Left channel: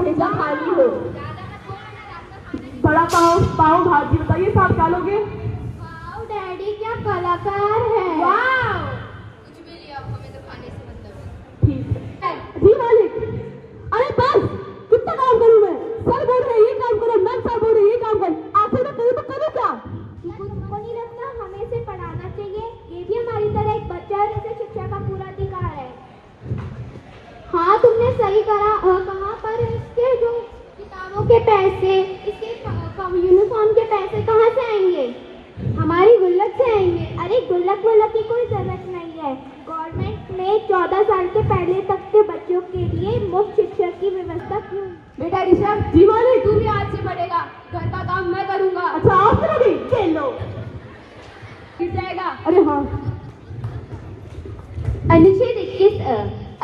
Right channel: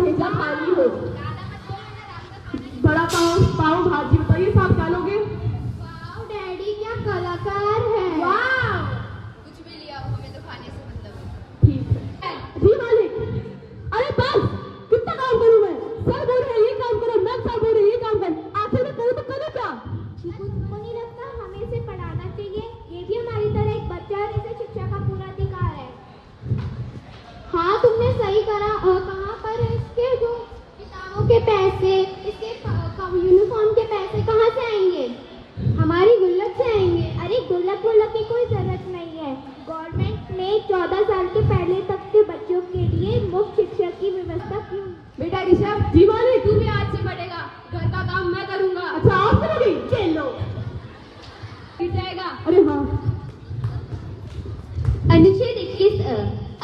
भेजा खाली हो। बड़ा पाव पाव भाजी बताइए साहब क्या लोगे? वाओ डैडी क्या कलाकार है। वाह कुछ भी लियो, आपको हमें तो खाने से मतलब है। ठीक है जी मालिक। अरे बस कितना काम करूं मैं? सर बोल रहे ये काम करो, मैं सर बोल रही ये काम कर, आखिर में करूं तो करूं क्या? चीकू तुमको नहीं लगता हमें इसे पढ़ाना चाहिए? ये भी हमारी तरह एक बच्चा है और इसे शिक्षा का पूरा अधिकार है। हाँ तुमने सही कहा पर इसके जो किताबों के पैसे, इसके यूनिफॉर्म के पैसे कहाँ से आएंगे? हमारी गुल्लक से आएंगे। अरे गुल्लक वुल्लक की कोई जरूरत नहीं है। गवर्नमेंट ने 14 साल के पहले तक के बच्चों के लिए मुफ्त शिक्षा की व्यवस्था की। बेटा ऋषभ जी मालिक। तू भी आज से बढ़ेगा, घर का काम मैं करूंगा। अच्छा आप करोगे? चलो गिर जाएगा। अरे हाँ अनुच्छेद 21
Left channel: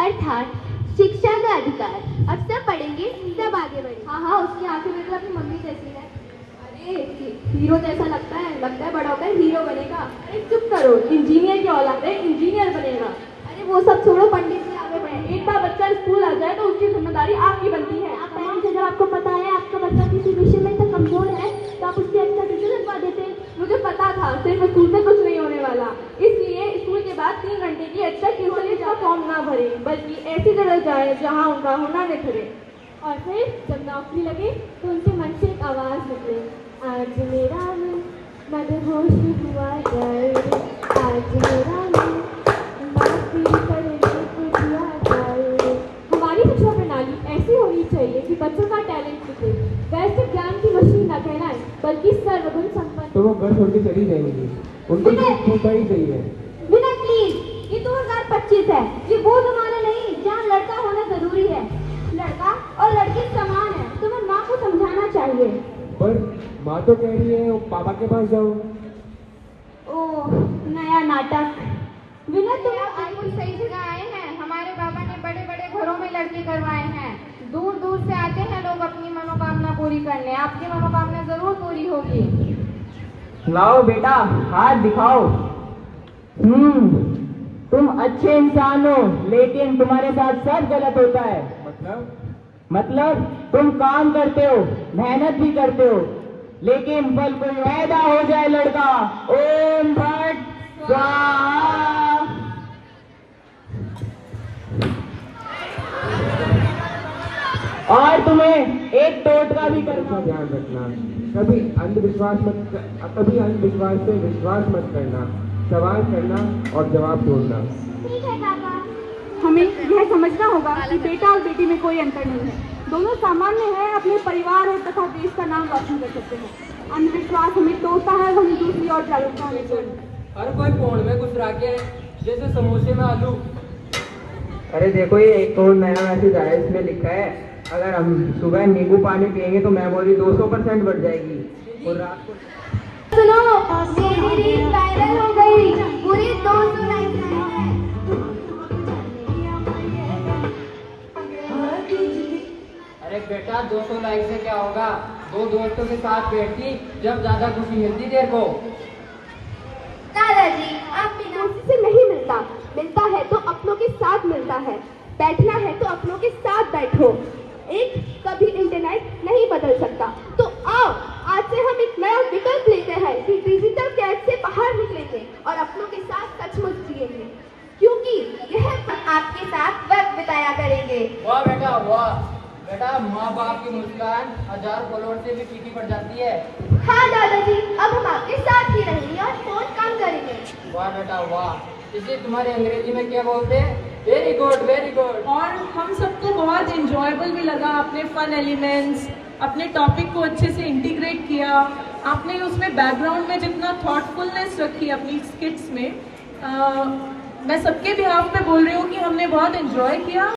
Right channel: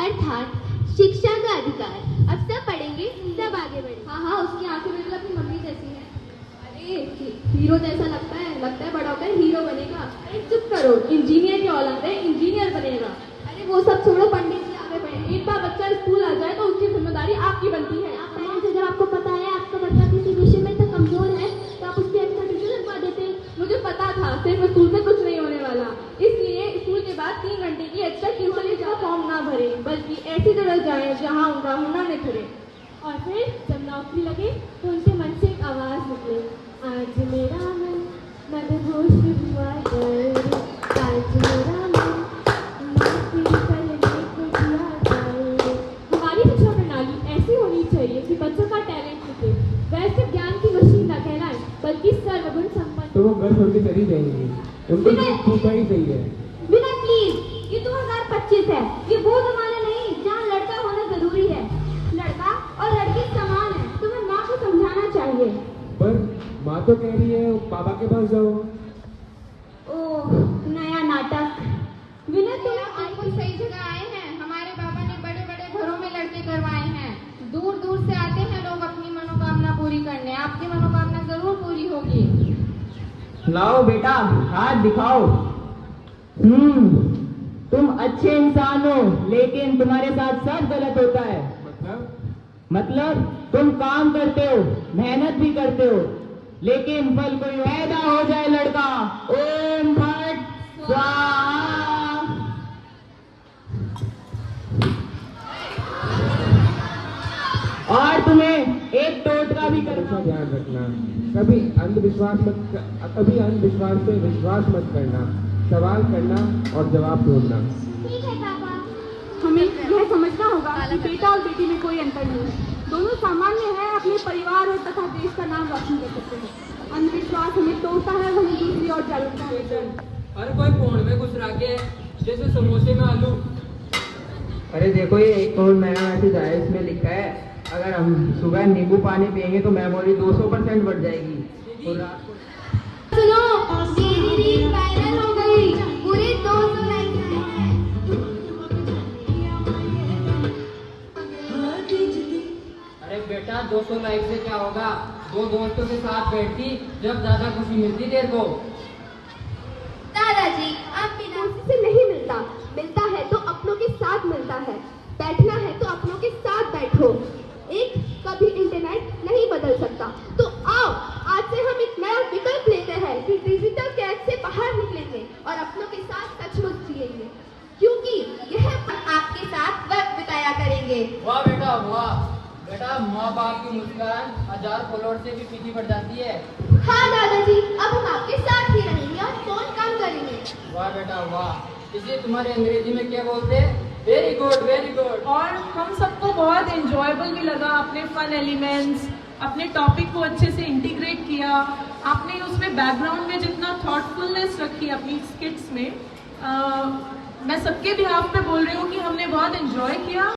अर्थात शिक्षा का अधिकार। अब सब पढ़ेंगे तब आगे बढ़ेंगे। हाँ उसकी आंखें मेरे अपनी मम्मी जैसी है। अरे हीरो जैसा लगता है बड़ा होकर हीरो बनेगा। अरे चुप करो, इंजीनियर की औलाद है, इंजीनियर बनेगा। अरे वो सब छोड़ो, पंडित जी आगे बढ़े। एक बार बच्चा स्कूल आ जाए तो उसकी जिम्मेदारी आपकी बनती है। पेरेंट्स अगर आपको पता है आपका बच्चा किसी विषय में तो कमजोर है तो आप उसकी अच्छा ट्यूशन लगवा देते। मुझे पता था सिर्फ स्कूल से कुछ नहीं होने वाला, इसलिए स्कूल के बाद 3 घंटे की एक्स्ट्रा ट्यूशन का फॉर्म ना भरे, बल्कि ऐसी जगह जाए जहाँ उनका हुनर निखरे। और फिर जब नौकरी लगे तो उनके मन से एक आवाज निकली, आज मेरा मन मदहोश हुआ कर, आज मेरा मन मस्ती करने को दिया कर। हमारी शिक्षा प्रणाली ऐसी होनी चाहिए कि बच्चों का टैलेंट निकले, वैसे ज्ञान की मशीन न कहलाए बल्कि सर्वगुण संपन्न। तो वो घर छोड़ के चली जाएंगी, उनको तो सही चाहिए। बिना प्लीज, ये 2025 है, ये वो जमाना नहीं जहाँ लड़का होना जरूरी है। लड़का और लड़की समान है, तुम्हें माँ को समझाना चाहिए। पर माँ तो कह रही है पापा के पास जाओ। ओह नया नाटक। विनय तुम बिल्कुल सही जगह आए हैं। हमारे बाबा ने बड़े बड़े घरों में लड़के करवाए हैं। दूर दूर से आते हैं लोग अपनी मनोकामना पूरी करने। आपकी मनोकामना जरूर पूरी होगी। लाओ बेटा हाथ दिखाओ। तुम अच्छे इंसान हो लेकिन तुम्हारे साथ सब गलत होता है। मतलब तुम काम करते हो, मेहनत भी करते हो, लेकिन फल कोई पैदा हो जाए लड़का, ओम भट स्वाहा। और तुम्हें एक टोटका भी करना। ध्यान रखना, कभी अंधविश्वास पे विश्वास मत करना, सवाल करना और जवाब ढूंढना। ठीक है पापा। हमें यह समझना होगा कि बेटा और बेटी में कोई अंतर नहीं है। दोनों सामान्य है, अपने परिवार और तथा देश का नाम रोशन कर सकते हैं। अंधविश्वास हमें तोड़ता है, हमें दूसरी और जागरूकता देता है। हर कोई फोन में घुस रहा के जैसे समोसे में आलू। अरे देखो ये एक करोड़ नया मैसेज आया, इसमें लिखा है अगर हम सुबह नींबू पानी पियेंगे तो मेमोरी 200% बढ़ जाएगी और रात को। सुनो मेरी रील वायरल हो गई, पूरी 200 लाइक्स आए हैं। अरे बेटा 200 लाइक से क्या होगा? 2 दोस्तों के साथ बैठती जब ज्यादा खुशी मिलती तेरे को। दादाजी आप बिना किसी से नहीं मिलता, मिलता है तो अपनों के साथ मिलता है। बैठना है तो अपनों के साथ बैठो। एक कभी इंटरनेट नहीं बदल सकता, तो आओ आज से हम एक नया विकल्प लेते हैं कि डिजिटल कैद से बाहर निकलेंगे और अपनों के साथ सचमुच जिएंगे, क्योंकि यह आपके साथ वक्त बिताया करेंगे। वाह बेटा वाह। बेटा माँ बाप की मुस्कान 1000 करोड़ से भी फीकी पड़ जाती है। हाँ दादाजी अब हम आपके साथ ही रहेंगे और फोन काम करेंगे। वाह बेटा वाह। इसे तुम्हारे अंग्रेजी में क्या बोलते हैं? Very good very good. और हम सबको बहुत एंजॉयबल भी लगा। आपने फन एलिमेंट्स, अपने टॉपिक को अच्छे से इंटीग्रेट किया, आपने उसमें बैकग्राउंड में जितना थॉटफुलनेस रखी अपनी स्किट्स में, मैं सबके बिहाफ पे बोल रही हूँ कि हमने बहुत एंजॉय किया।